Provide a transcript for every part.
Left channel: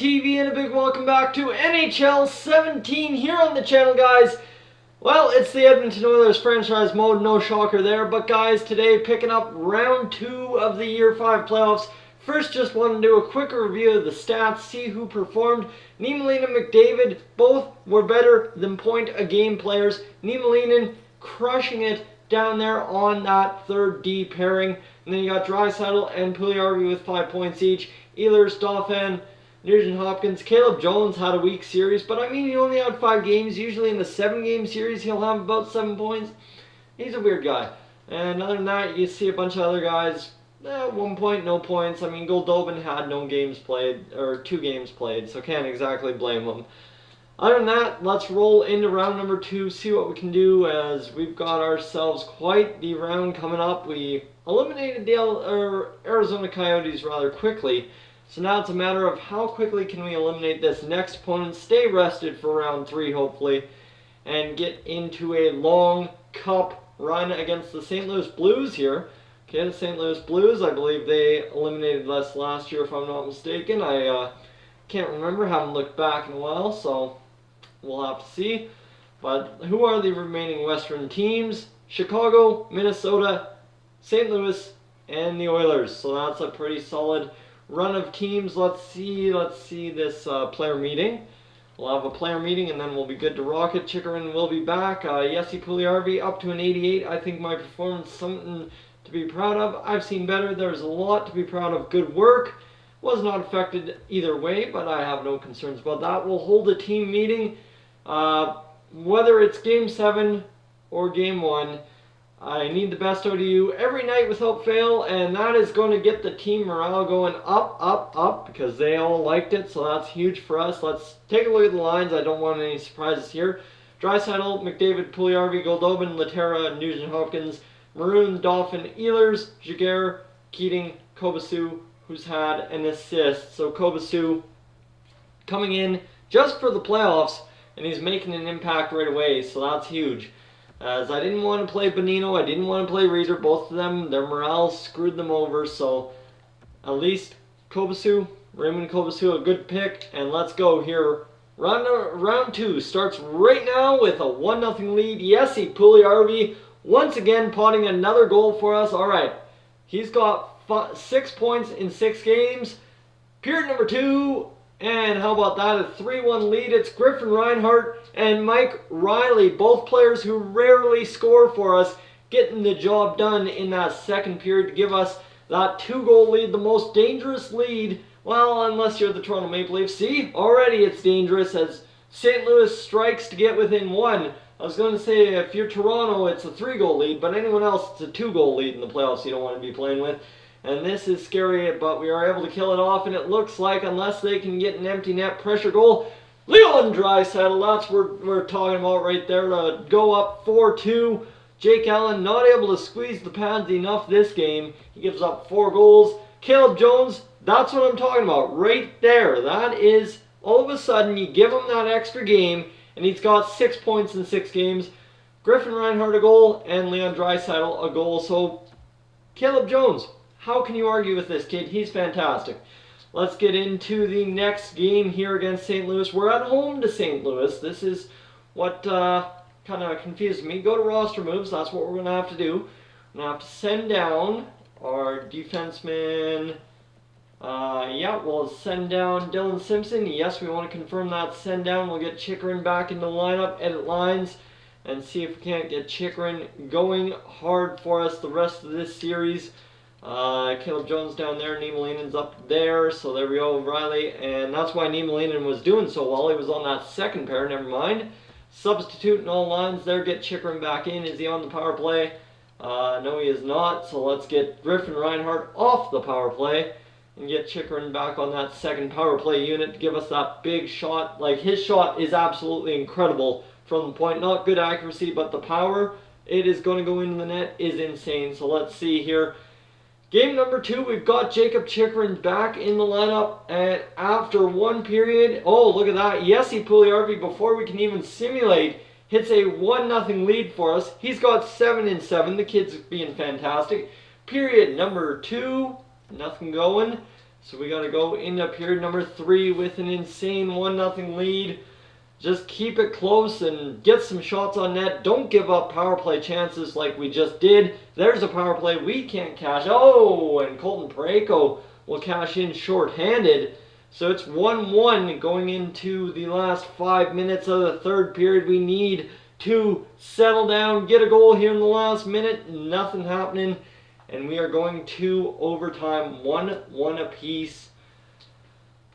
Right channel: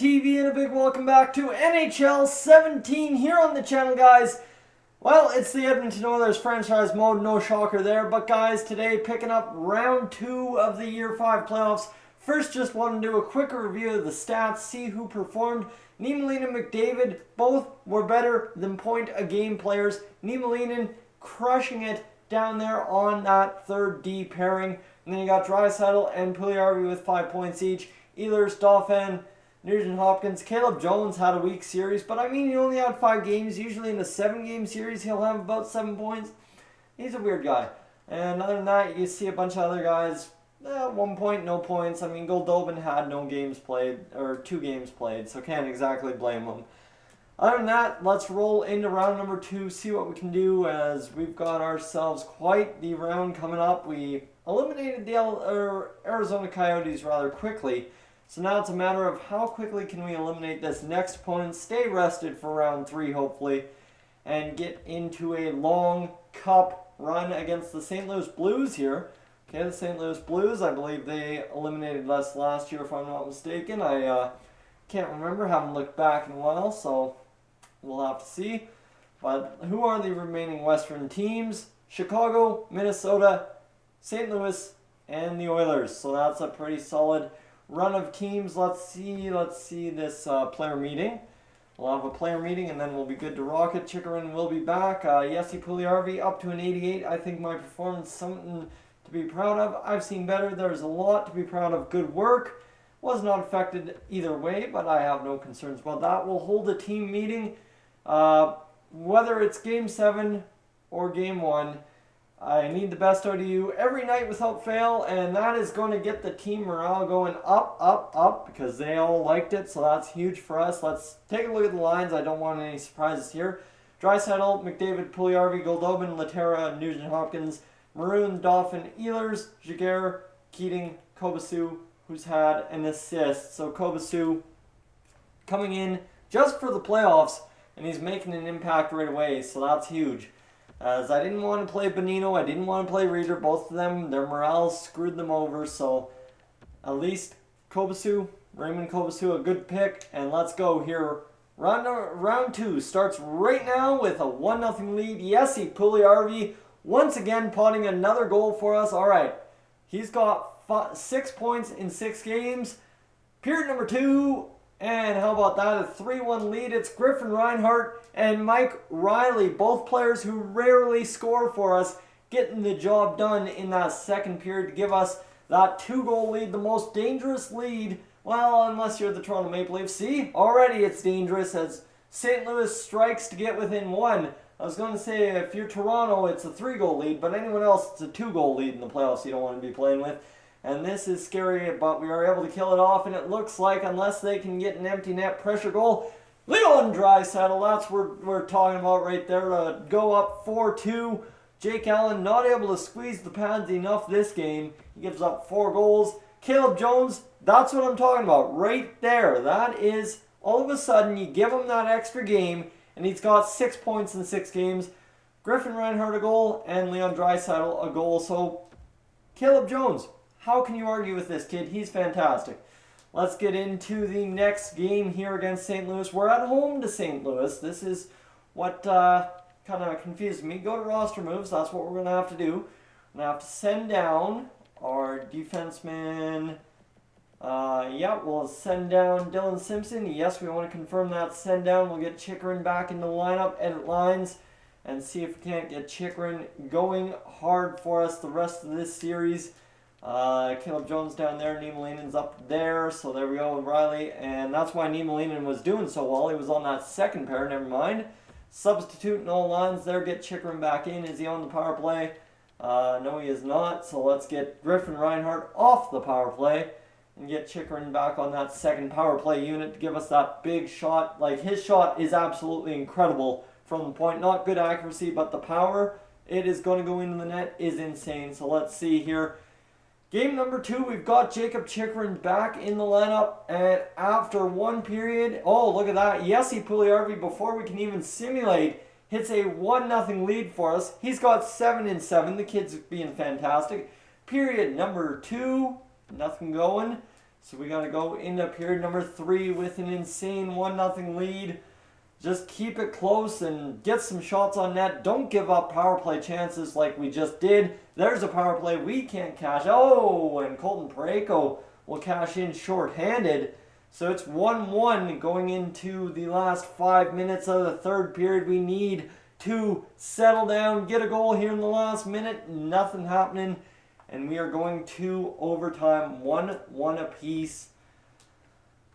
TV and a big welcome back to NHL 17 here on the channel, guys. Well, it's the Edmonton Oilers franchise mode, no shocker there. But guys, today picking up round 2 of the Year 5 playoffs. First, just want to do a quick review of the stats, see who performed. Niemelainen and McDavid, both were better than point-a-game players. Niemelainen crushing it down there on that third D pairing. And then you got Draisaitl and Puljujarvi with 5 points each. Ehlers, Dauphin, Nugent Hopkins. Caleb Jones had a weak series, but I mean, he only had 5 games. Usually in the 7-game series, he'll have about 7 points. He's a weird guy. And other than that, you see a bunch of other guys. 1 point, no points. I mean, Goldobin had no games played, or 2 games played, so can't exactly blame him. Other than that, let's roll into round number 2, see what we can do, as we've got ourselves quite the round coming up. We eliminated the Arizona Coyotes rather quickly, so now it's a matter of how quickly can we eliminate this next opponent, stay rested for round 3 hopefully, and get into a long cup run against the St. Louis Blues here. Okay, the St. Louis Blues, I believe they eliminated us last year if I'm not mistaken. I can't remember, haven't looked back in a while, so we'll have to see. But who are the remaining Western teams? Chicago, Minnesota, St. Louis, and the Oilers. So that's a pretty solid run of teams. Let's see this player meeting. We'll have a player meeting and then we'll be good to rock it. Chychrun will be back. Jesse Puljujarvi up to an 88. I think my performance something to be proud of. I've seen better. There's a lot to be proud of. Good work. Was not affected either way, but I have no concerns about that. We'll hold a team meeting. Whether it's Game 7 or Game 1, I need the best out of you every night without fail, and that is going to get the team morale going up, up, up, because they all liked it, so that's huge for us. Let's take a look at the lines. I don't want any surprises here. Draisaitl, McDavid, Puljujarvi, Goldobin, Laterra, Nugent Hopkins, Maroon, Dauphin, Ehlers, Jaguar, Keating, Kobasu, who's had an assist. So Kobasu coming in just for the playoffs, and he's making an impact right away, so that's huge. As I didn't want to play Bonino, I didn't want to play Reeder. Both of them, their morale screwed them over, so at least Kobasu, Raymond Kobasu, a good pick, and let's go here. Round 2 starts right now with a 1-0 lead. Jesse Puljujarvi once again potting another goal for us. All right, he's got 6 points in 6 games. Period number 2. And how about that? A 3-1 lead. It's Griffin Reinhart and Mike Riley, both players who rarely score for us, getting the job done in that second period to give us that 2-goal lead, the most dangerous lead. Well, unless you're the Toronto Maple Leafs. See, already it's dangerous as St. Louis strikes to get within 1. I was going to say if you're Toronto, it's a 3-goal lead, but anyone else, it's a 2-goal lead in the playoffs you don't want to be playing with. And this is scary, but we are able to kill it off, and it looks like, unless they can get an empty net pressure goal, Leon Draisaitl, that's what we're talking about right there, to go up 4-2. Jake Allen not able to squeeze the pads enough this game. He gives up 4 goals. Caleb Jones, that's what I'm talking about right there. That is, all of a sudden, you give him that extra game, and he's got 6 points in 6 games. Griffin Reinhart a goal, and Leon Draisaitl a goal. So, Caleb Jones, how can you argue with this kid? He's fantastic. Let's get into the next game here against St. Louis. We're at home to St. Louis. This is what kind of confused me. Go to roster moves. That's what we're going to have to do. We're going to have to send down our defenseman. Yeah, we'll send down Dylan Simpson. Yes, we want to confirm that send down. We'll get Chychrun back in the lineup, edit lines, and see if we can't get Chychrun going hard for us the rest of this series. Caleb Jones down there, Niemelainen's up there, so there we go, Riley, and that's why Niemelainen was doing so well. He was on that second pair, never mind. Substitute in all lines there, get Chychrun back in. Is he on the power play? No, he is not, so let's get Griffin Reinhart off the power play and get Chychrun back on that second power play unit to give us that big shot. Like, his shot is absolutely incredible from the point. Not good accuracy, but the power, it is going to go into the net, is insane. So let's see here. Game number 2, we've got Jakob Chychrun back in the lineup, and after 1 period, oh, look at that, Jesse Puljujarvi, before we can even simulate, hits a 1-0 lead for us. He's got 7 in 7, the kid's being fantastic. Period number 2, nothing going. So we got to go into period number 3 with an insane 1-0 lead. Just keep it close and get some shots on net. Don't give up power play chances like we just did. There's a power play we can't cash. Oh, and Colton Parayko will cash in short-handed. So it's 1-1 going into the last 5 minutes of the third period. We need to settle down, get a goal here in the last minute. Nothing happening. And we are going to overtime, 1-1 apiece.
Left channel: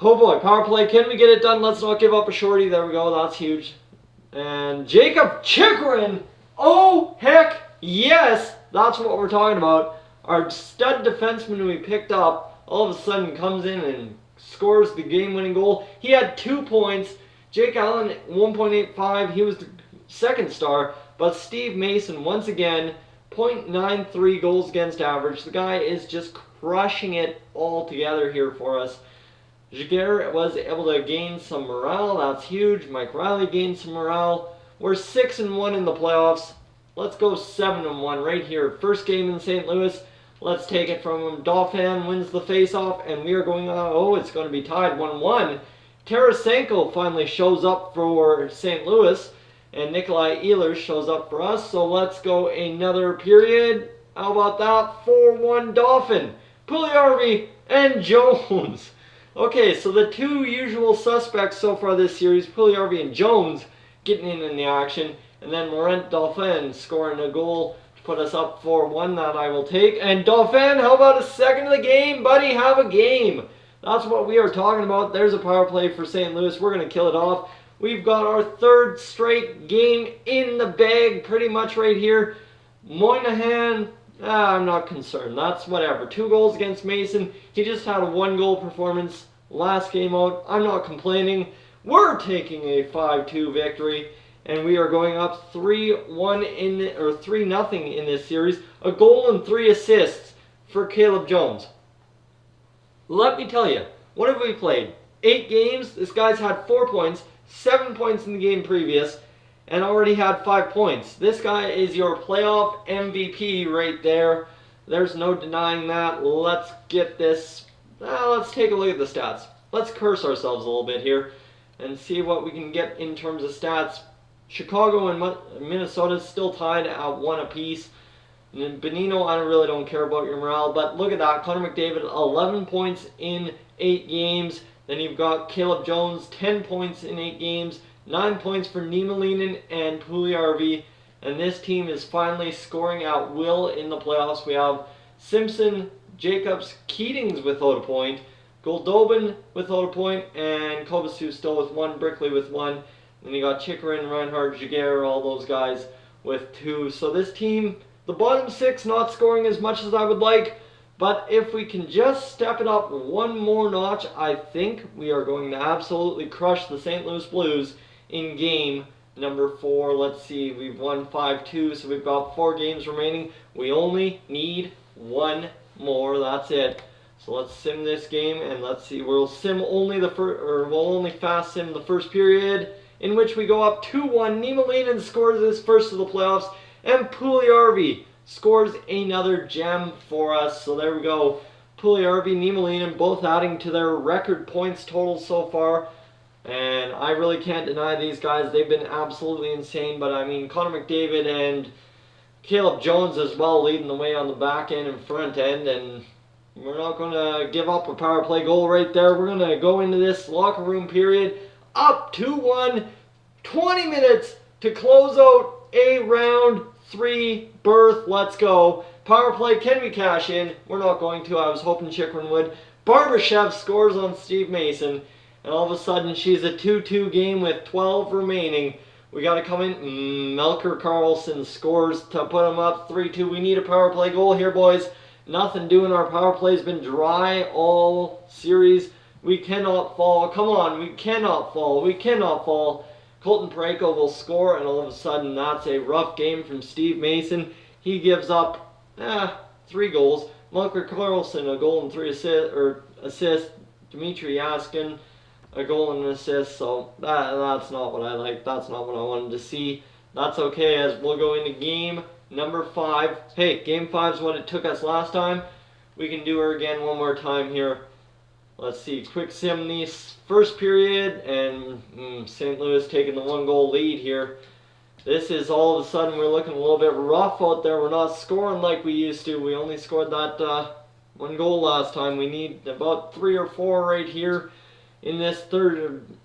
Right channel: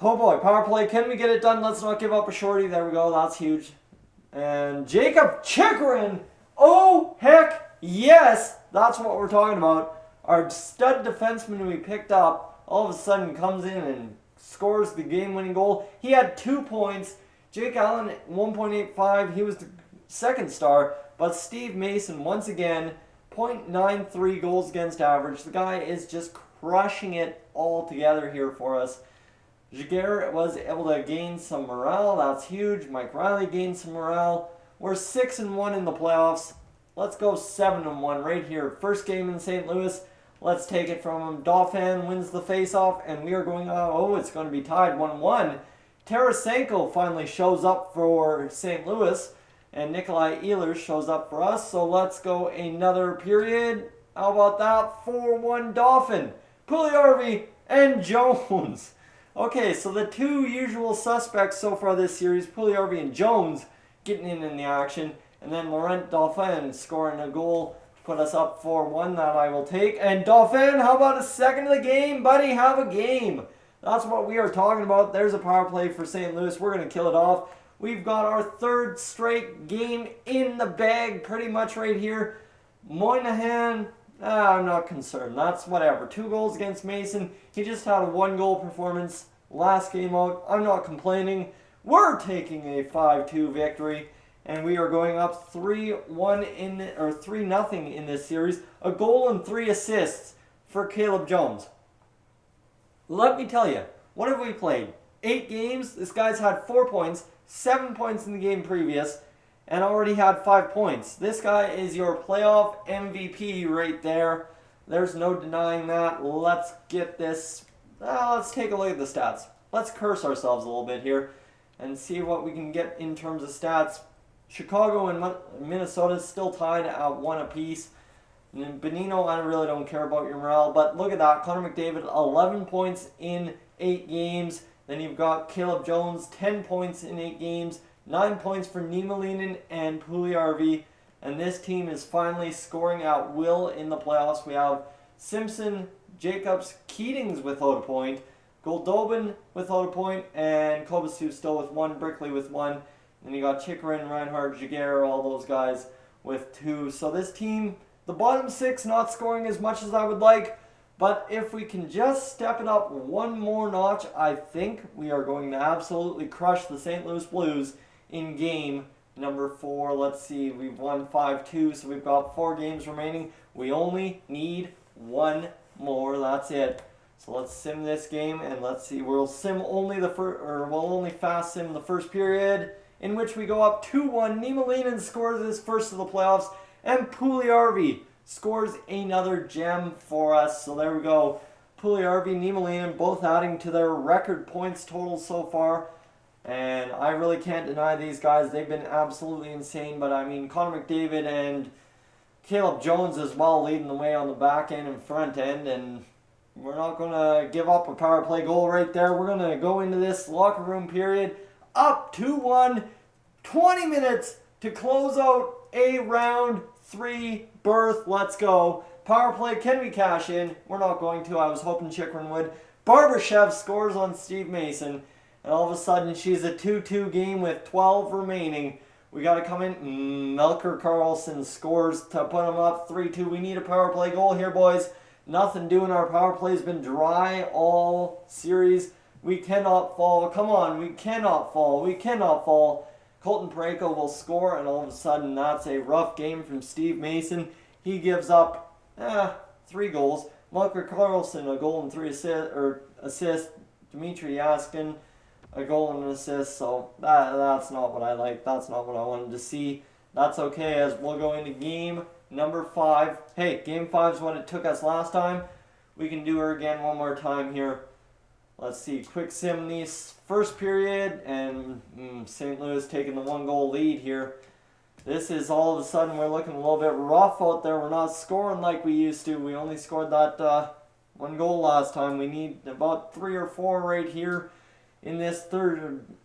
Oh boy, power play. Can we get it done? Let's not give up a shorty. There we go. That's huge. And Jacob Chychrun. Oh, heck yes. That's what we're talking about. Our stud defenseman we picked up all of a sudden comes in and scores the game-winning goal. He had 2 points. Jake Allen, 1.85. He was the second star. But Steve Mason, once again, 0.93 goals against average. The guy is just crushing it all together here for us. Jaguar was able to gain some morale. That's huge. Mike Riley gained some morale. We're 6-1 in the playoffs. Let's go 7-1 right here. First game in St. Louis. Let's take it from him. Dauphin wins the faceoff, and we are going, it's going to be tied 1-1. Tarasenko finally shows up for St. Louis, and Nikolai Ehlers shows up for us. So let's go another period. How about that? 4-1 Dauphin. Puljujarvi and Jones. Okay, so the 2 usual suspects so far this series, Puljujarvi and Jones, getting in the action. And then Laurent Dauphin scoring a goal to put us up 4-1. That I will take. And Dauphin, how about a second of the game? Buddy, have a game. That's what we are talking about. There's a power play for St. Louis. We're going to kill it off. We've got our 3rd straight game in the bag pretty much right here. Moynihan, I'm not concerned. That's whatever. 2 goals against Mason. He just had a 1-goal performance last game out. I'm not complaining. We're taking a 5-2 victory, and we are going up 3-0 in this series. A goal and 3 assists for Caleb Jones. Let me tell you, what have we played? 8 games. This guy's had 4 points, 7 points in the game previous, and already had 5 points. This guy is your playoff MVP right there. There's no denying that. Let's get this. Let's take a look at the stats. Let's curse ourselves a little bit here and see what we can get in terms of stats. Chicago and Minnesota still tied at 1 apiece. And Benino, I really don't care about your morale, but look at that. Connor McDavid, 11 points in 8 games. Then you've got Caleb Jones, 10 points in 8 games. 9 points for Niemelainen and Puljujarvi. And this team is finally scoring at will in the playoffs. We have Simpson, Jacobs, Keatings without a point, Goldobin without a point, and Kovacic still with 1, Brickley with 1. Then you got Chychrun, Reinhardt, Jaguar, all those guys with 2. So this team, the bottom 6 not scoring as much as I would like, but if we can just step it up 1 more notch, I think we are going to absolutely crush the St. Louis Blues in game number 4. Let's see, we've won 5-2, so we've got 4 games remaining. We only need 1 more, that's it. So let's sim this game, and let's see, we'll only fast sim the first period, in which we go up 2-1. Niemelainen scores his first of the playoffs, and Puljujarvi scores another gem for us. So there we go. Puljujarvi, Niemelainen both adding to their record points total so far. And I really can't deny these guys. They've been absolutely insane. But I mean, Connor McDavid and Caleb Jones as well leading the way on the back end and front end. And we're not going to give up a power play goal right there. We're going to go into this locker room period up 2-1. 20 minutes to close out a round 3 berth. Let's go. Power play, can we cash in? We're not going to. I was hoping Chychrun would. Barbashev scores on Steve Mason. And all of a sudden, she's a 2-2 game with 12 remaining. We got to come in. Melker Karlsson scores to put them up 3-2. We need a power play goal here, boys. Nothing doing. Our power play's been dry all series. We cannot fall. Come on, we cannot fall. We cannot fall. Colton Parayko will score, and all of a sudden, that's a rough game from Steve Mason. He gives up 3 goals. Melker Karlsson, a goal and 3 assists. Dmitry Yaskin, a goal and an assist. So that's not what I like. That's not what I wanted to see. That's okay, as we'll go into game number 5. Hey, game 5 is what it took us last time. We can do her again one more time here. Let's see, quick sim this first period, and St. Louis taking the 1-goal lead here. This is all of a sudden we're looking a little bit rough out there. We're not scoring like we used to. We only scored that 1 goal last time. We need about 3 or 4 right here in this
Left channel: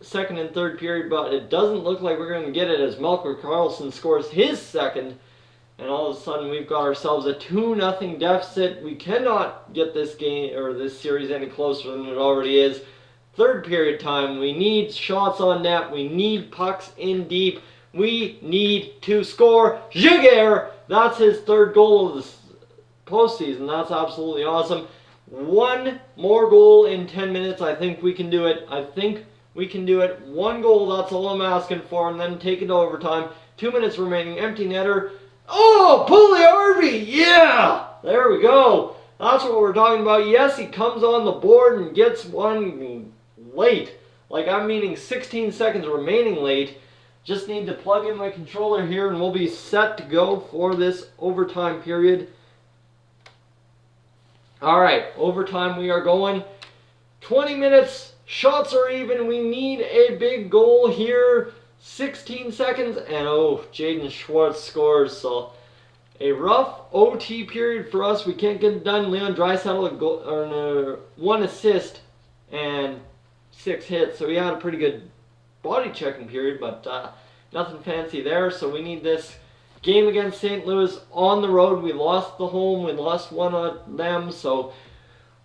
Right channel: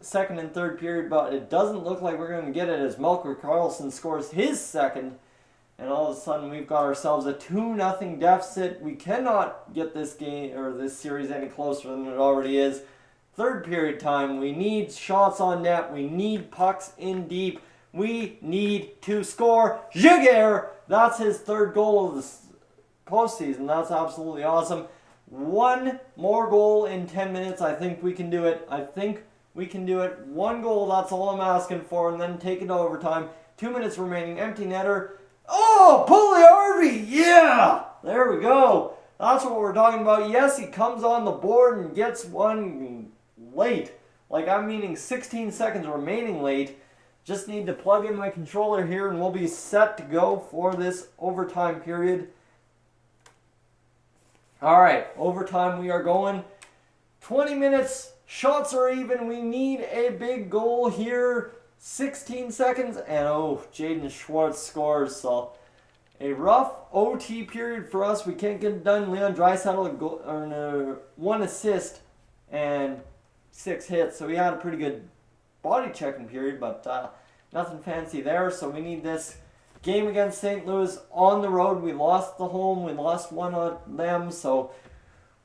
second and third period, but it doesn't look like we're going to get it as Melker Karlsson scores his second. And all of a sudden, we've got ourselves a 2-0 deficit. We cannot get this game or this series any closer than it already is. Third period time. We need shots on net. We need pucks in deep. We need to score. Giguère, that's his 3rd goal of the postseason. That's absolutely awesome. 1 more goal in 10 minutes. I think we can do it. 1 goal, that's all I'm asking for, and then take it to overtime. 2 minutes remaining. Empty netter. Oh, Puljujärvi, yeah! There we go. That's what we're talking about. Yes, he comes on the board and gets one late. Like, I'm meaning 16 seconds remaining late. Just need to plug in my controller here and we'll be set to go for this overtime period. Alright, overtime we are going. 20 minutes, shots are even. We need a big goal here. 16 seconds, and Jaden Schwartz scores. So a rough OT period for us. We can't get it done. Leon Draisaitl 1 assist and 6 hits. So he had a pretty good body checking period, but nothing fancy there. So we need this game against St. Louis on the road. We lost the home. We lost one of them. So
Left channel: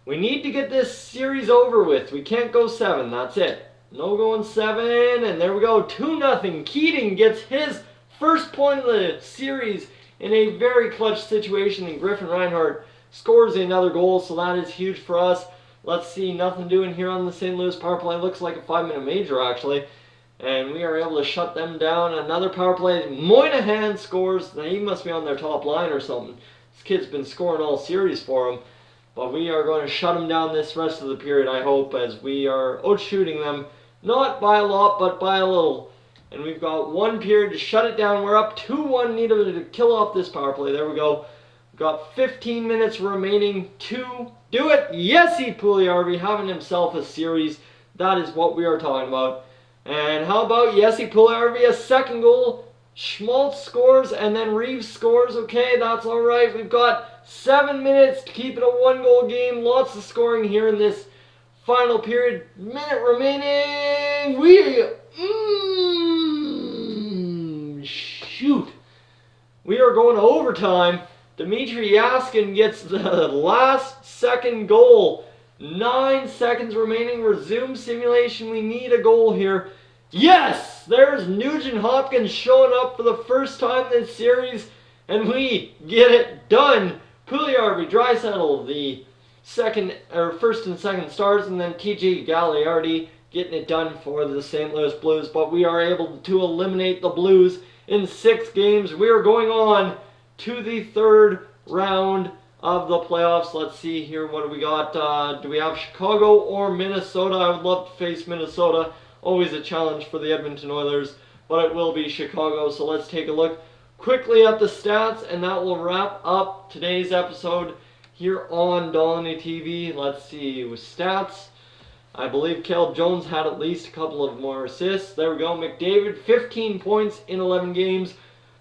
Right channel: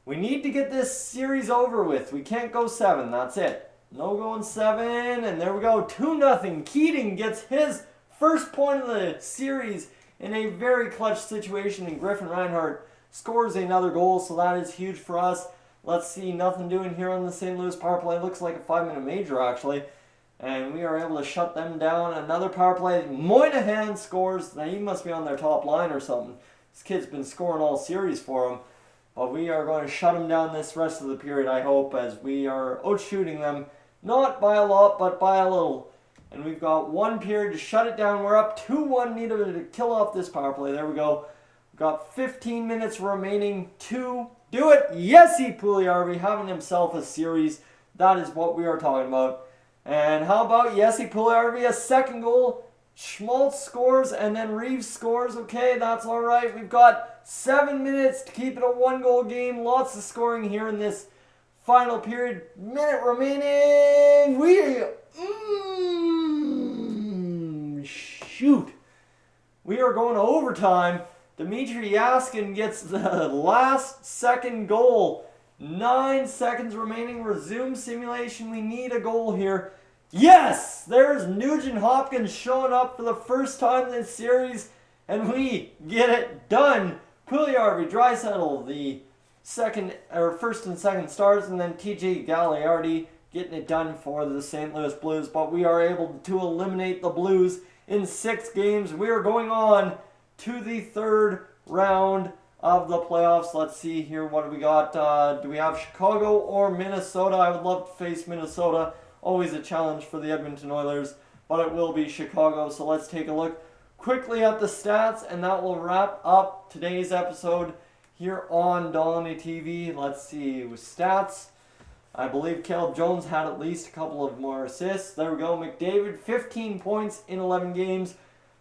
we need to get this series over with. We can't go 7. That's it. No going 7, and there we go, 2-0. Keating gets his first point of the series in a very clutch situation, and Griffin Reinhart scores another goal, so that is huge for us. Let's see, nothing doing here on the St. Louis power play. Looks like a 5-minute major, actually, and we are able to shut them down. Another power play. Moynihan scores. Now, he must be on their top line or something. This kid's been scoring all series for them, but we are going to shut them down this rest of the period, I hope, as we are out-shooting them. Not by a lot, but by a little. And we've got 1 period to shut it down. We're up 2-1. Need to kill off this power play. There we go. We've got 15 minutes remaining to do it. Jesse Puljujärvi having himself a series. That is what we are talking about. And how about Jesse Puljujärvi, a 2nd goal. Schmaltz scores, and then Reeves scores. Okay, that's all right. We've got 7 minutes to keep it a 1-goal game. Lots of scoring here in this final period. Minute remaining. Shoot. We are going to overtime. Dmitry Yaskin gets the last 2nd goal. 9 seconds remaining. Resume simulation. We need a goal here. Yes! There's Nugent Hopkins showing up for the first time this series, and we get it done. Puljujärvi, Draisaitl, the first and second stars, and then TJ Gagliardi getting it done for the St. Louis Blues. But we are able to eliminate the Blues in 6 games. We are going on to the 3rd round of the playoffs. Let's see here, what do we got? Do we have Chicago or Minnesota? I would love to face Minnesota. Always a challenge for the Edmonton Oilers, but it will be Chicago. So let's take a look quickly at the stats, and that will wrap up today's episode here on Dolynny TV. Let's see, with stats, I believe Caleb Jones had at least a couple of more assists. There we go. McDavid, 15 points in 11 games.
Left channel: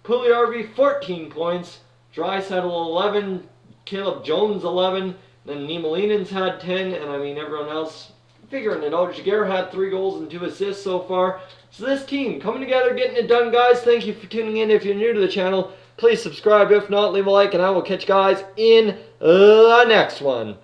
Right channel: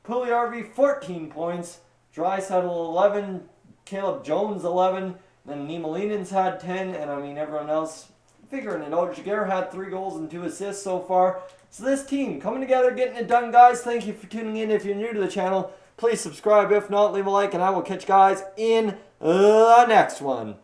Puljujärvi, 14 points. Draisaitl, 11. Caleb Jones, 11. Then Niemalinen's had 10, and I mean everyone else figuring it out. Giguère had 3 goals and 2 assists so far. So this team coming together, getting it done, guys. Thank you for tuning in. If you're new to the channel, please subscribe. If not, leave a like, and I will catch you guys in the next one.